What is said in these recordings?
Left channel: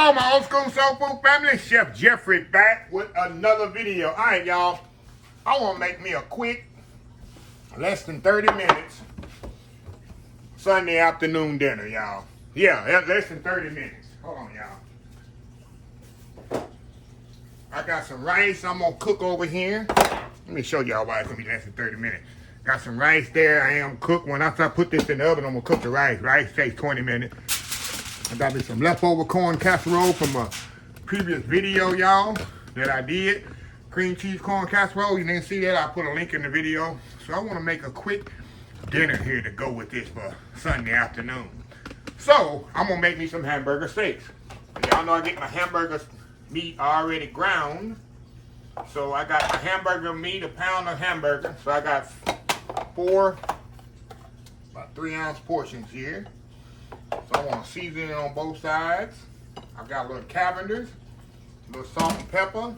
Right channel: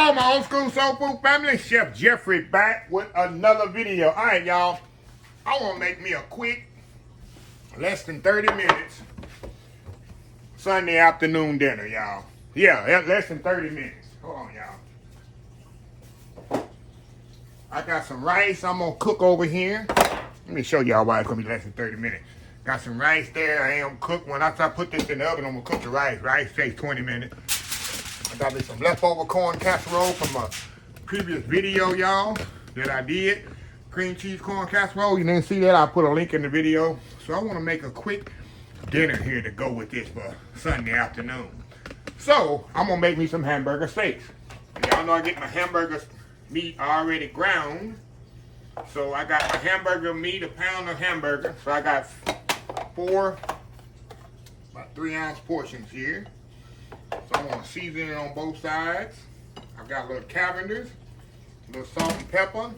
Hello, my old school soul food family. Chef Jeffrey back with another video. All right, y'all. I want to make me a quick, less than 30 minutes, Sunday afternoon dinner, y'all. Yeah, less than 30 minutes. Hold on, y'all. I got some rice I'm going to cook over here. Let me show y'all why it's going to be less than 30 minutes. Got some rice there. I am cooked. When after I put this in the oven, I'm going to cook the rice. Rice takes 20 minutes. I got me some leftover corn casserole from a previous video, y'all, that I did. Cream cheese corn casserole. You didn't see that? I put a link in the video. So I want to make a quick dinner here to go with this for Sunday afternoon. So I'm going to make me some hamburger steaks. Y'all know I get my hamburger meat already ground. So I got my hamburger meat, a pound of hamburger. So I got about 3-ounce portions here. So I want to season it on both sides. I've got a little Cavender's, a little salt and pepper.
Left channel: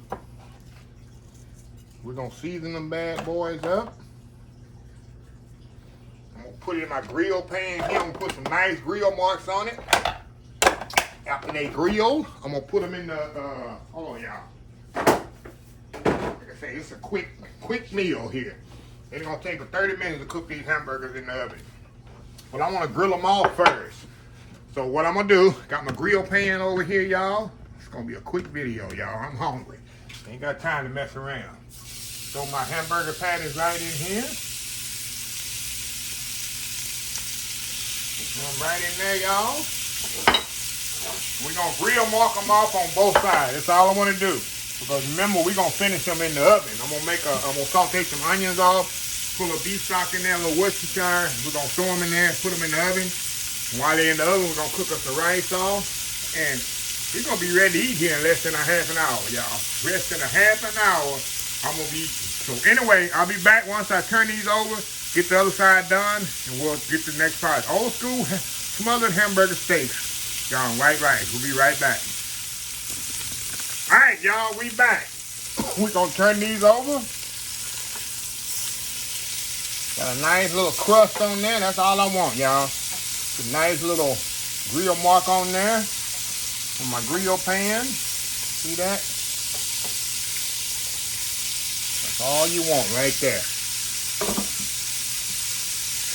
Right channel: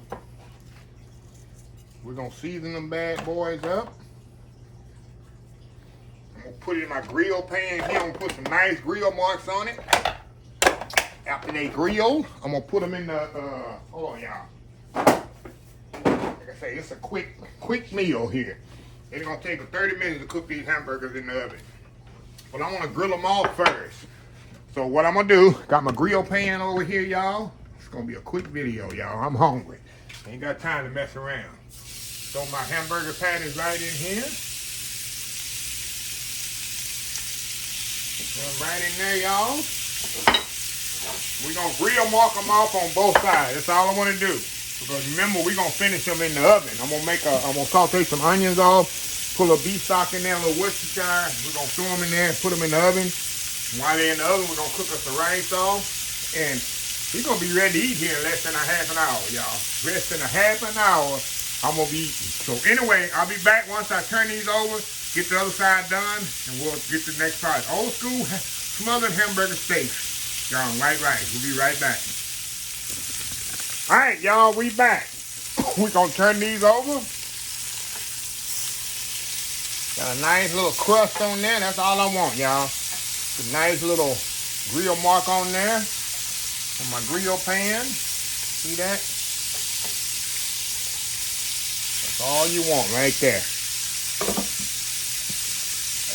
We're going to season them bad boys up. I'm going to put it in my grill pan here. I'm going to put some nice grill marks on it. After they grill, I'm going to put them in the, hold on y'all. Like I say, it's a quick meal here. It's going to take 30 minutes to cook these hamburgers in the oven. But I want to grill them off first. So what I'm going to do, got my grill pan over here, y'all. It's going to be a quick video, y'all. I'm hungry. Ain't got time to mess around. Throw my hamburger patties right in here. Put them right in there, y'all. We're going to grill mark them off on both sides. That's all I want to do. Because remember, we're going to finish them in the oven. I'm going to saute some onions off, pull a beef stock in there, a little Worcestershire. We're going to throw them in there and put them in the oven. While they're in the oven, we're going to cook us the rice off. And we're going to be ready to eat here in less than a half an hour, y'all. Less than a half an hour, I'm going to be eating. So anyway, I'll be back once I turn these over, get the other side done, and we'll get to the next part. Old school smothered hamburger steaks. Y'all, white rice. We'll be right back. All right, y'all, we back. We're going to turn these over. Got a nice little crust on there. That's all I want, y'all. A nice little grill mark on there on my grill pan. See that? That's all you want right there.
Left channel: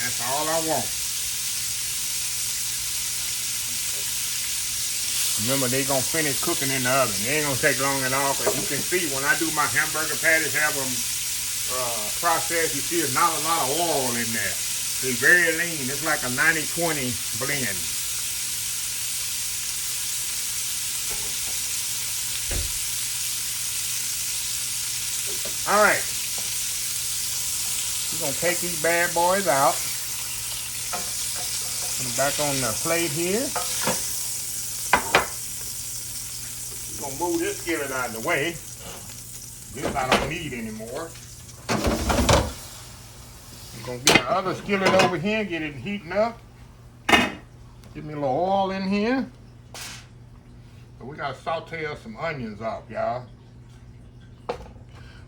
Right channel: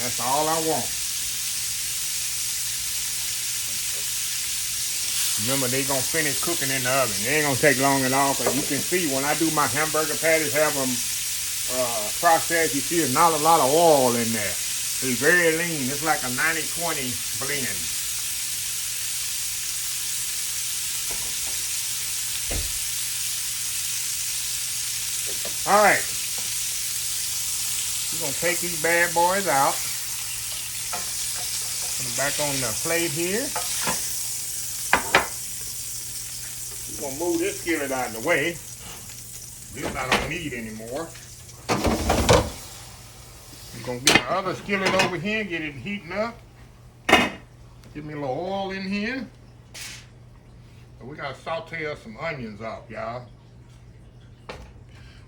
That's all I want. Remember, they gonna finish cooking in the oven. They ain't gonna take long at all. Cause you can see when I do my hamburger patties, have them processed, you see there's not a lot of oil in there. It's very lean. It's like a 90-20 blend. All right. We're going to take these bad boys out. Put them back on the plate here. We're going to move this skillet out of the way. This I don't need anymore. Gonna get my other skillet over here, get it heating up. Get me a little oil in here. So we gotta saute us some onions off, y'all. So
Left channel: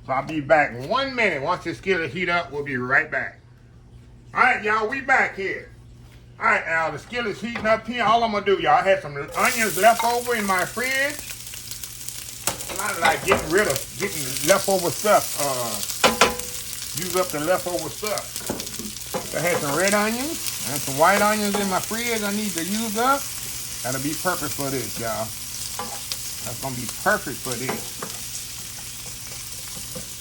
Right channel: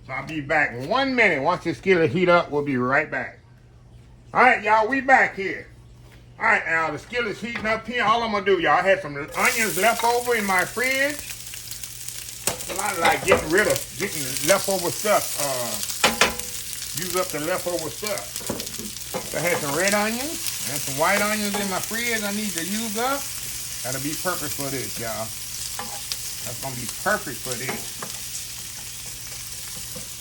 I'll be back in 1 minute. Once this skillet heat up, we'll be right back. All right, y'all, we back here. All right, now the skillet's heating up here. All I'm gonna do, y'all, I had some onions left over in my fridge. A lot of like getting leftover stuff. Use up the leftover stuff. I had some red onions and some white onions in my fridge I need to use up. That'll be perfect for this, y'all. That's gonna be perfect for this.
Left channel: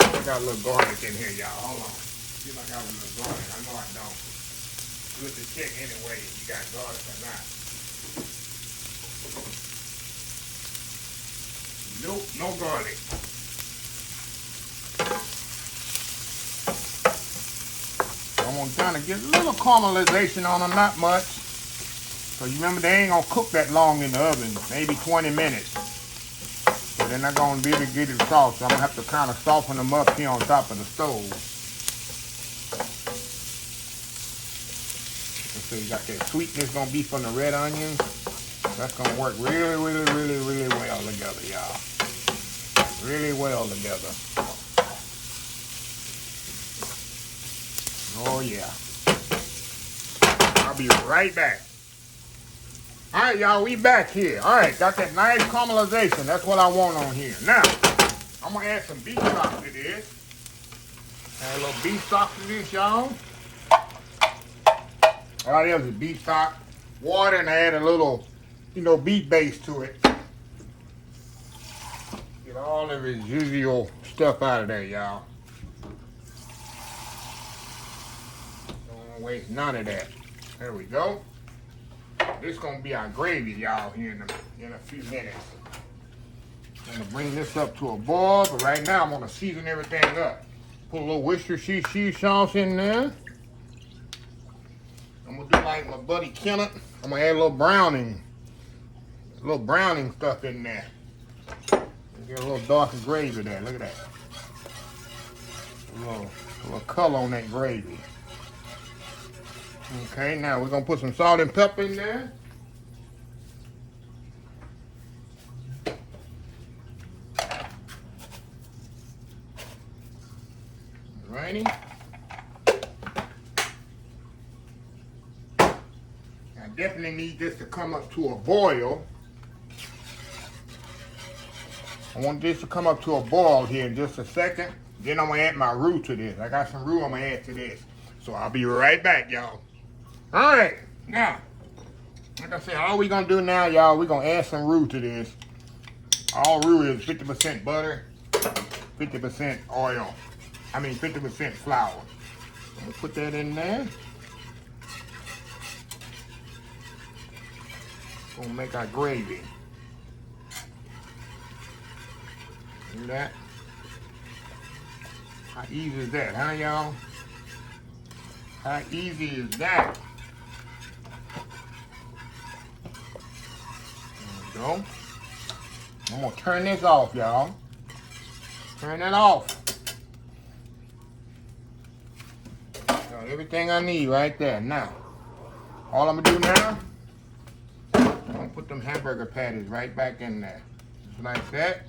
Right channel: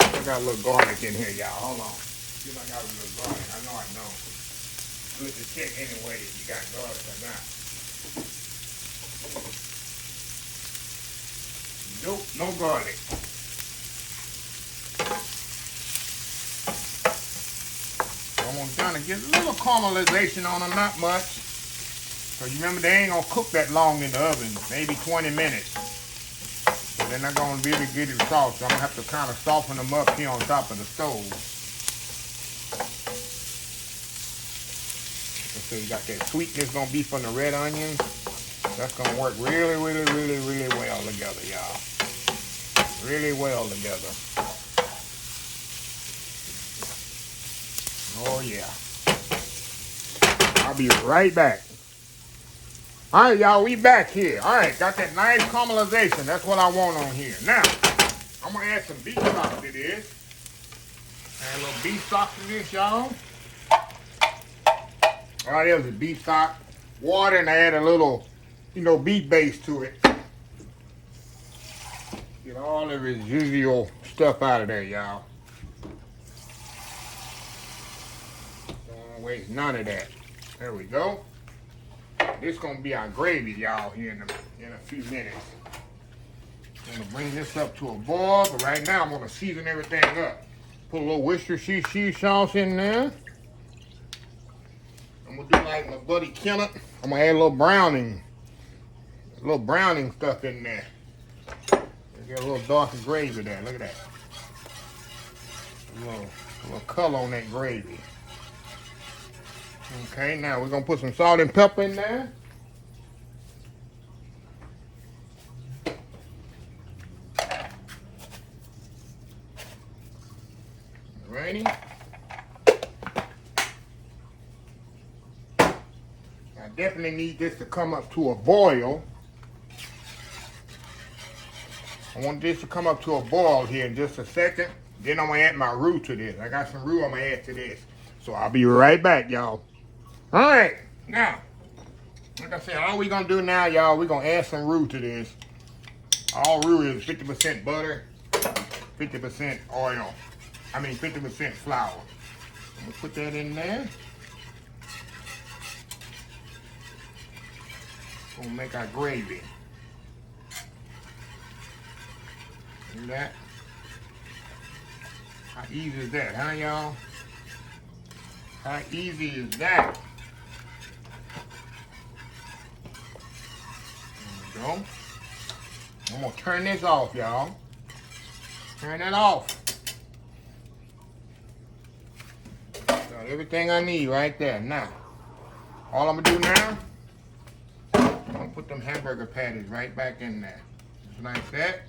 I got a little garlic in here, y'all. Hold on. See if I got a little garlic. I know I don't. Good to check anyway if you got garlic or not. Nope, no garlic. I'm going to kind of get a little caramelization on them, not much. Because you remember, they ain't going to cook that long in the oven, maybe 20 minutes. So they're not going to be able to get it soft. So I'm going to have to kind of soften them up here on top of the stove. So you got that sweetness going to be from the red onions. That's going to work really, really, really, really well together, y'all. Really well together. Oh yeah. I'll be right back. All right, y'all, we back here. All right, got that nice caramelization. That's what I want on here. Now, I'm gonna add some beef stock to this. Add a little beef stock to this, y'all. All right, there's the beef stock, water, and I add a little, beef base to it. Get all the residual stuff out of there, y'all. Don't waste none of that. There we go. This is gonna be our gravy, y'all, here in a few minutes. I'm gonna bring this up to a boil, but right now I'm gonna season everything up. Put a little Worcestershire cheese sauce in there. I'm gonna do like my buddy Kenneth. I'm gonna add a little browning stuff in there. Get a little darker gravy there. Look at that. A little color on that gravy. Okay, now we're gonna put some salt and pepper in there. Alrighty. I definitely need this to come up to a boil. I want this to come up to a boil here in just a second. Then I'm gonna add my roux to this. I got some roux I'm gonna add to this. So I'll be right back, y'all. All right, now, like I said, all we gonna do now, y'all, we're gonna add some roux to this. All roux is 50% butter, 50% oil. 50% flour. I'm gonna put that in there. Gonna make our gravy. See that? How easy is that, huh, y'all? How easy is that? There we go. I'm gonna turn this off, y'all. Turn it off. Got everything I need right there. Now, all I'm gonna do now, I'm gonna put them hamburger patties right back in there. Just like that.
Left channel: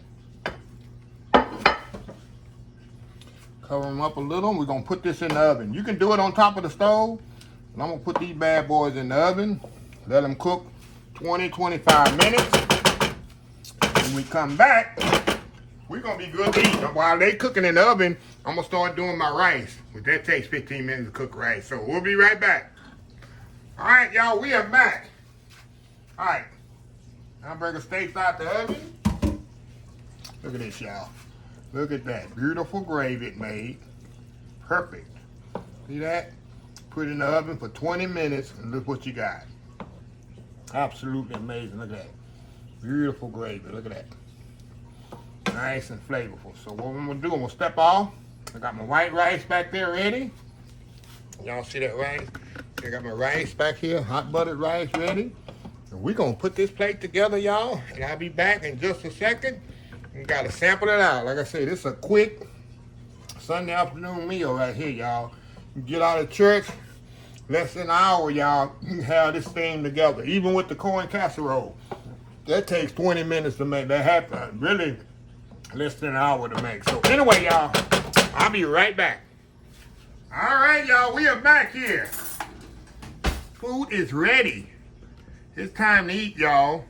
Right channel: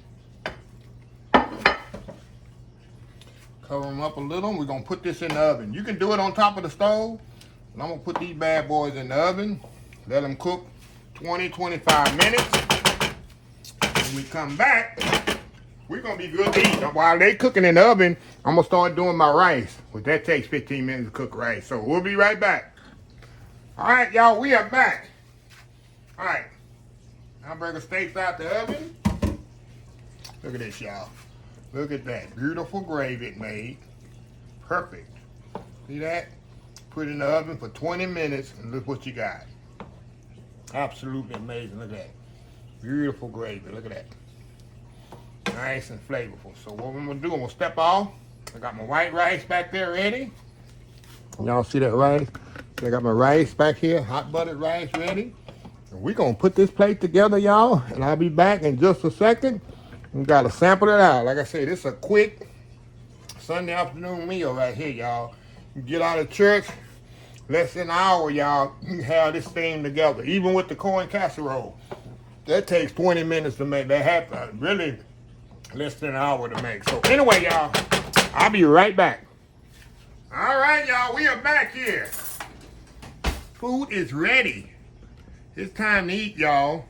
Cover them up a little. We're gonna put this in the oven. You can do it on top of the stove. And I'm gonna put these bad boys in the oven. Let them cook 20-25 minutes. When we come back, we're gonna be good to eat. While they cooking in the oven, I'm gonna start doing my rice. But that takes 15 minutes to cook rice. So we'll be right back. All right, y'all, we are back. All right, hamburger steaks out the oven. Look at this, y'all. Look at that beautiful gravy it made. Perfect. See that? Put it in the oven for 20 minutes and look what you got. Absolutely amazing. Look at that. Beautiful gravy. Look at that. Nice and flavorful. So what I'm gonna do, I'm gonna step off. I got my white rice back there ready. Y'all see that rice? I got my rice back here, hot buttered rice ready. And we're gonna put this plate together, y'all. And I'll be back in just a second. You gotta sample it out. Like I said, this is a quick Sunday afternoon meal right here, y'all. You get out of church, less than an hour, y'all, you have this thing together. Even with the corn casserole. That takes 20 minutes to make. That happen. Really less than an hour to make. So anyway, y'all, I'll be right back. All right, y'all, we are back here. Food is ready. It's time to eat, y'all.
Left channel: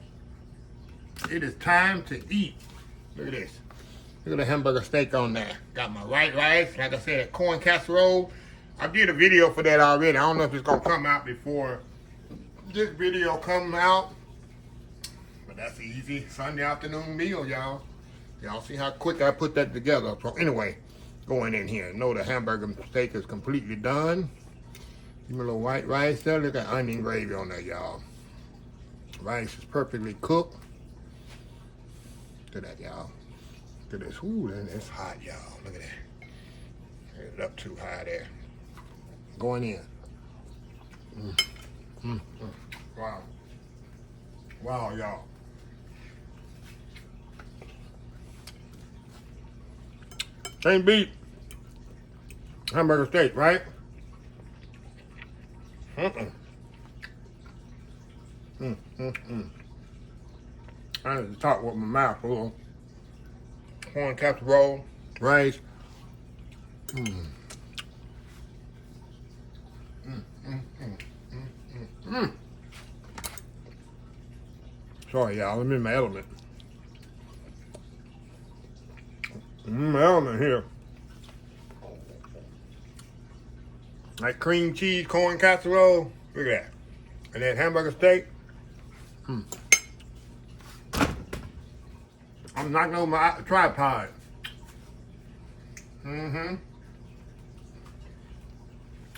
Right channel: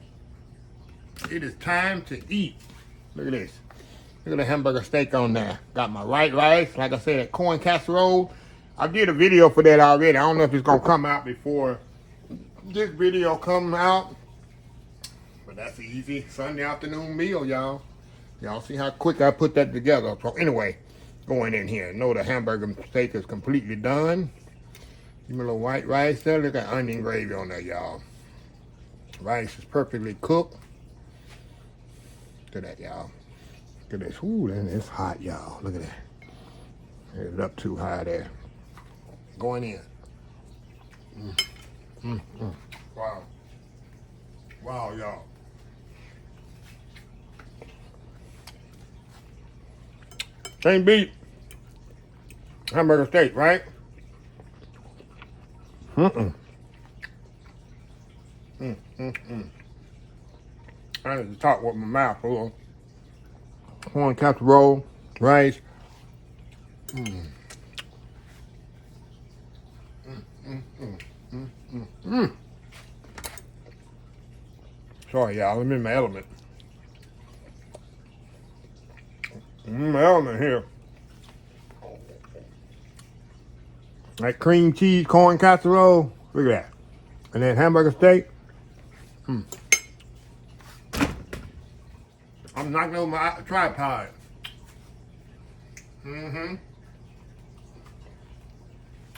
It is time to eat. Look at this. Look at the hamburger steak on there. Got my white rice. Like I said, that corn casserole. I did a video for that already. I don't know if it's going to come out before this video comes out. But that's an easy Sunday afternoon meal, y'all. Y'all see how quick I put that together. So anyway, going in here. Know the hamburger steak is completely done. Give me a little white rice there. Look at onion gravy on there, y'all. Rice is perfectly cooked. Look at that, y'all. Look at this. Ooh, it's hot, y'all. Look at that. It's up too high there. Going in. Wow. Wow, y'all. Same beat. Hamburger steak, right? I need to talk with my mouth full. Corn casserole, rice. Sorry, y'all. I'm in my element. I'm in my element here. Like cream cheese, corn casserole. Look at that. And then hamburger steak. I'm knocking over my tripod.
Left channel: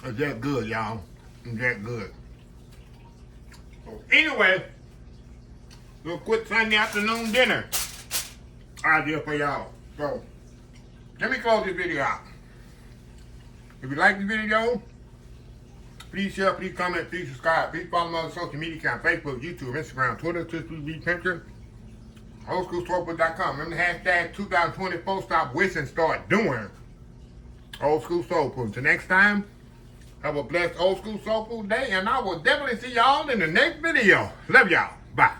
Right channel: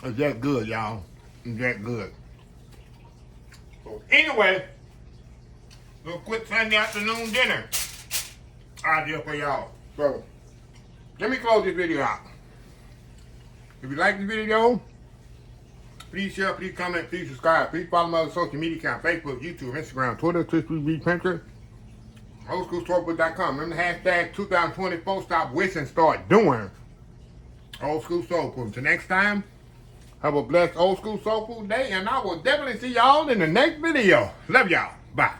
It's that good, y'all. It's that good. So anyway, little quick Sunday afternoon dinner idea for y'all. So let me close this video out. If you like the video, please share, please comment, please subscribe. Please follow my other social media account, Facebook, YouTube, Instagram, Twitter, Pinterest, oldschoolsoulfood.com. Remember the hashtag 2024, stop wishing, start doing. Old School Soul Food. Till next time, have a blessed Old School Soul Food day, and I will definitely see y'all in the next video. Love y'all. Bye.